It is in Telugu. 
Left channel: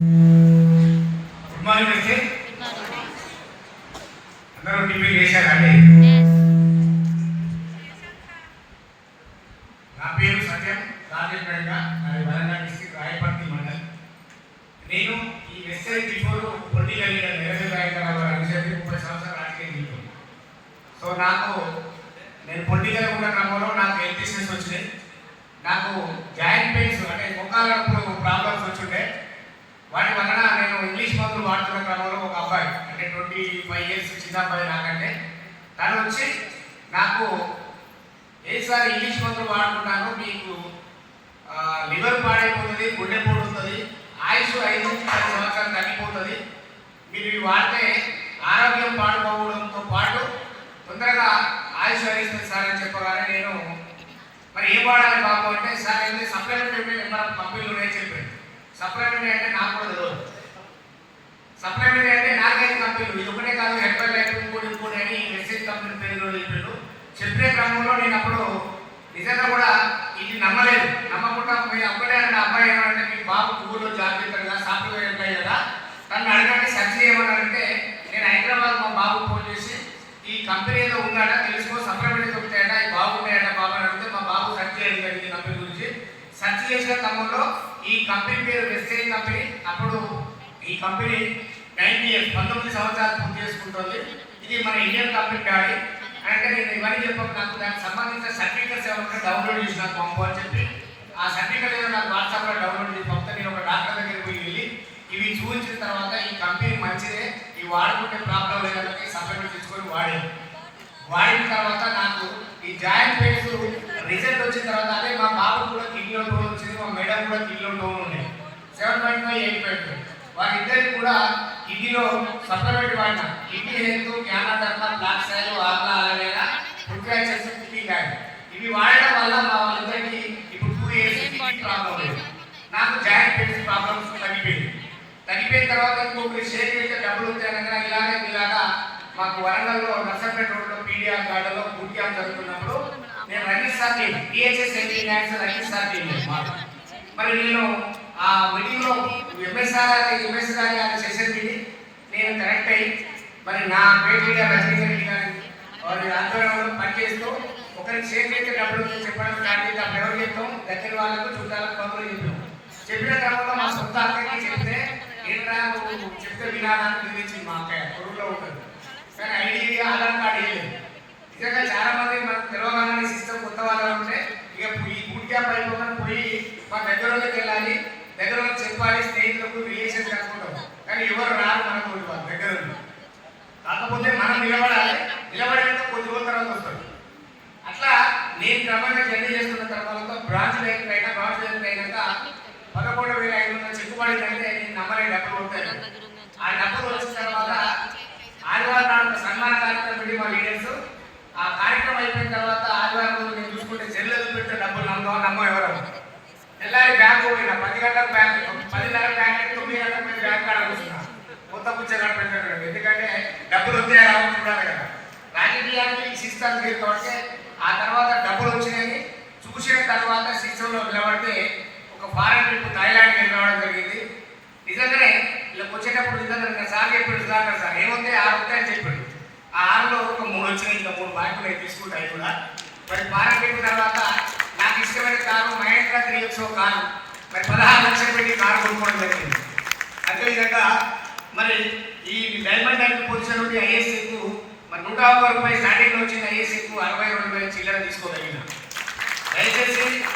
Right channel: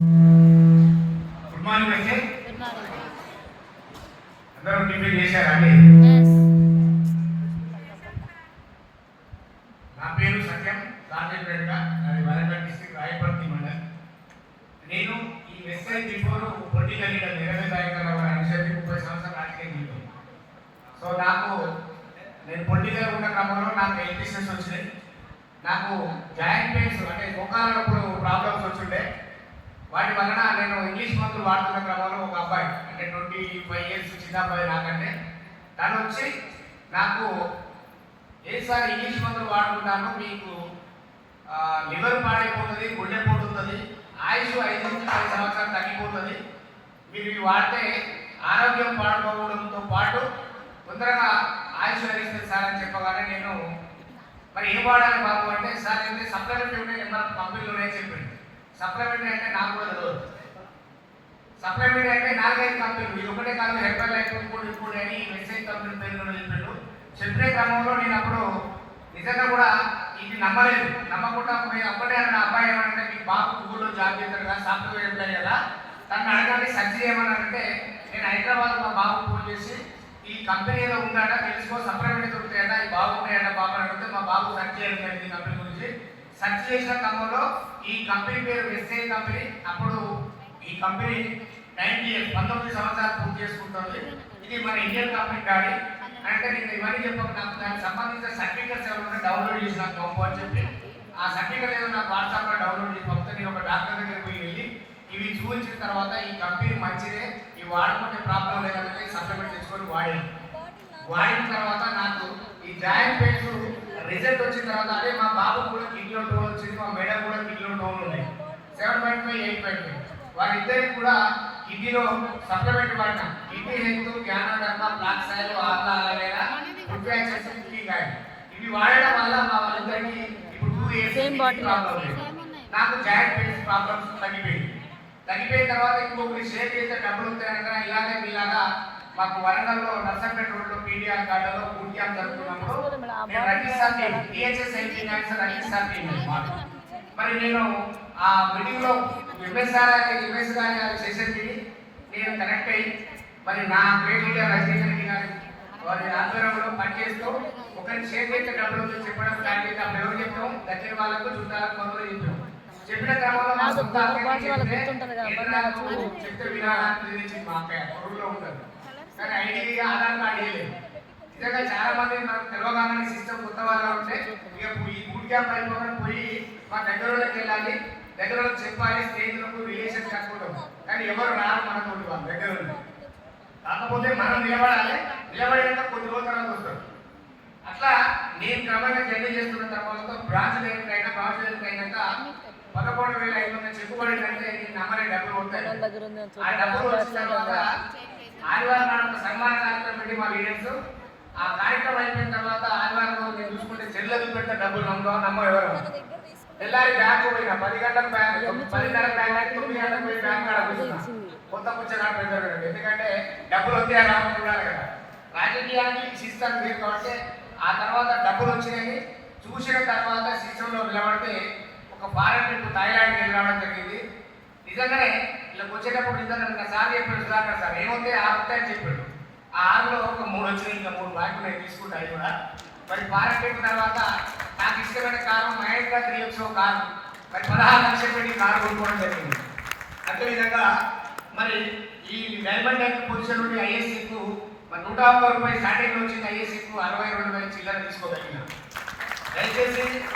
గుడ్ మార్నింగ్ అండి. అందరూ టిఫిన్ చేశారండి? నా పేరు సత్యం రాజేంద్ర, నాది వరంగల్ డిస్ట్రిక్ట్ రాయపర్తి మండల్. నేను ఈ SI before political leader Niranjan Rai గారు అనుసరించి 30 సంవత్సరాలు రాజకీయ జీవితం. సో నేను పొలిటికల్ ఉన్న క్రమంలో నాకు హెల్త్ ఇష్యూస్ వచ్చినాయి. నాకు జాయింట్ పెయిన్స్ అంటే మొక్కలప్పుడు ప్రాబ్లమ్స్ వచ్చిండే. వాటి వలన నేను ఇంగ్లీష్ మందులు వాడుతున్న క్రమంలో ఒక అబ్బాయి అంటే 25 ఇయర్స్ చిన్న అబ్బాయి నాకంటే తను వచ్చి నాకు ఏసారి ఇంగ్లీష్ మందులు వాడుకుంటాను, మీకు లివర్ పాడైపోతుంది, గుండె పోతుంది, ఆయుష్ 5 నుంచి 10 సంవత్సరాలు తగ్గిపోతుంది, మీరు ఇవి వాడితే ఆరోగ్యం పాడుకోవడంతో పాటు తొందరగా ఆయుష్ హరిస్తుంది సార్ అని చెప్పగానే నేను మరి ఏం వాడాలి బాబు అంటే సార్ అయితే సప్లిమెంట్ కంపెనీలోనే చెప్పాను. సప్లిమెంట్ అంటే నాకు కూడా తెలియదు. సప్లిమెంట్ అంటే 4-5 కంపెనీలు, ఇది ఒకటే కాదు, హెల్త్ లైఫ్ ఇంకోటి అని మెసేజ్ కంపెనీ పేరు చెప్పాడు. చెప్పే క్రమంలో నేను అప్పుడు నిజంగా కూడా ఇది నమ్మలేదు. నమ్మకుండా మీరు అప్పుడే అంటే అబ్బాయి ఏమంటే మీ బాబు ఊళ్ళో జాబ్ చేస్తారు కదా, సాఫ్ట్వేర్ ఎంప్లాయ్ కదా, తను అడగండి సర్చ్ చేయమన్నారంటే నేను హైదరాబాద్ మా బాబు ఫోన్ చేసి ఈ కంపెనీ ఏదో ఉందాట తెలుసుకో, సప్లిమెంట్ దొరుకుతాయట, ఈ బాగున్నాయట బాబు అని అడిగితే మా బాబు సర్చ్ చేయడం జరిగింది కంపెనీ గురించి. సర్చ్ చేసిన క్రమంలో ఈ కంపెనీ పేరు వెస్టైన్ కంపెనీ. అప్పుడు ఈ కంపెనీ 19 సంవత్సరాలు పూర్తి చేసుకుంటుంది. ఇది మన ఇండియన్ కంపెనీ డాడీ అంటే నేను ఇవన్నీ చెప్పాను. నాకు దానికి సంబంధించిన సర్టిఫికెట్స్ ఎవరైనా డౌన్లోడ్ చేసి నాకు పంపు అని చెప్పి ఆ సర్టిఫికెట్ నాకు వాట్సాప్లో డౌన్లోడ్ చేసి పంపితే నేను ఒక డాక్టర్ దగ్గరికి పోయి వెళ్ళి ఇవి చూపించిన తర్వాత ఈ కంపెనీ మంచిదే, ఇవి వాడుకుంటే ప్రాబ్లం లేదంటే సప్లిమెంట్ చేసుకొని వాడిన తర్వాత నాకు ఈ జాయింట్ పెయిన్స్ రిజల్ట్ వచ్చిన తర్వాత అదే మా బాబు కూడా కిడ్నీలో టోన్ వచ్చింది, మా మేడం కూడా కిడ్నీలో టోన్ ఉన్నాయి 7.5, 8.5. వారిద్దరికి కూడా కిడ్నీలో సప్లిమెంట్ వాడిన కిడ్నీ హెల్త్, క్యానాడర్మా, బ్లాక్ సైల్, ఆర్లా అలవేరా, ఫుడ్ ఫ్రాక్చర్స్, కిడ్నీ గాడి ఇవి వాడడం వల్ల మా వాళ్ళిద్దరికి ఇప్పుడు 2 ఇయర్స్ ప్రాబ్లం లేదు. నాకు జాయింట్ పెయిన్స్ ప్రాబ్లమ్స్ తగ్గిపోయిన తర్వాత ఇంకొకటి షేర్ చేస్తే డబ్బులు ఉంటాయనగా ఇలాగా మాకు వరంగల్లో నర్సంపేట రోడ్లో పీడిఆర్ గార్డెన్లో బూట్ క్యాంప్ జరుగుతున్నప్పుడు నేను రిజిస్టర్ మరి నేను ఆ మీటింగ్లో ఎంఎస్ గారి సెషన్ మీటింగ్ నేను కనెక్ట్ అయ్యి మరి నా పేరు రజనీకాంత్ గారి వారి ఆధ్వర్యంలో పనిచేస్తూ ఒకరికి షేర్ చేస్తే డబ్బులు చెప్పడం స్టార్ట్ చేస్తే అప్పుడు ఎవరు చెప్తాం, దగ్గర వాళ్ళకు చుట్టాలకు కొందరు చెప్తాం. చెప్పిన క్రమంలో మా సొంత అక్కడికి చెప్తే నేను నాకు చెప్తే వినాలని గురించి మా పొరుగులో ఉంటుంది కానీ ఐడి ఆధార్ కార్డు వేయలేదు. నిజంగా చాలా మంది మనకు తెలవగానే సిస్టమ్ కొత్త వాళ్ళు ఉంటే ఇక ఈ బూట్ క్యాంప్ అయిపోకుండా పోయి మా దగ్గరలోకి వెళ్ళాలి, దగ్గరలో చెప్పాలి, స్నేహితులకు రిలేషన్స్ కట్టుకుంటాం కానీ ఎవరు రారు మనకు వాళ్ళ దగ్గర. కాకపోతే మనం నిలబడినాక కొద్ది రోజుల తర్వాత వస్తారు. అట్లా నేను క్రమంగా జర్నీ చేస్తున్న క్రమాలతో బ్రాంచ్ డైరెక్ట్ అయినాక 11,500 చెక్కుబడిందంటే నేను నమ్మలే డబ్బులు ఉంటాయి. ఆ డబ్బులు వచ్చిన తర్వాత ఆదివారం నాడు సన్మాన కార్యక్రమం పెట్టి మా లీడర్స్ ఆ కార్యక్రమం అయిపోయిన తర్వాత ఆదివారం రోజు నేను చూసుకుంటే చెల్లెలు పెట్టిన డబ్బులు నమ్మ ఎవరు తెల్లారి బ్యాంకు పోయినా 10 గంటలకు బ్యాంకు 10 గంటల బ్యాంక్ 9 గంటలకు పోయి బ్యాంక్ కాడ కూర్చున్నా కొత్త పుచ్చగాడు పెట్టాడు. ఎందుకంటే డబ్బులు వస్తాయా రావడం చూడాలి కదా, రాజకీయానికి సిస్టమ్ లేదు కాబట్టి. ఆ తర్వాత డబ్బులు వచ్చినాయని చూసిన తర్వాత సిస్టంలో నిలబడితే ఒక ఫారెన్ ట్రిప్ థాయిలాండ్కి వెళ్ళడం జరిగింది. నిజంగానే ఇలా వచ్చేటప్పుడు నిజంగా సార్ చెప్పాడు సార్ ఏమొస్తే 6 వస్తాయి అని చెప్పాడు. ఆ 6లో ఒక 3 వచ్చినాయి, ఇంకా 3 బ్యాంకులు నేను తీసుకుంటాను కూడా. మరి ఫారెన్ ట్రిప్ తర్వాత నాకు ఇష్టమైన కారు మహేంద్ర 3XO కారు మరి 16 లక్షలు పెట్టి కారు కొనుక్కోవడం జరిగింది. అదేవిధంగా మరి ఈ డైమండ్ బ్యాంక్ పొజిషన్ నుండి ఐఎస్సీకు మరి 101 రూపాయలు స్టార్టింగ్ వచ్చింది, ఐఎస్సీకు 62,000 చిల్లర తీసుకోగలిగిన. దయచేసి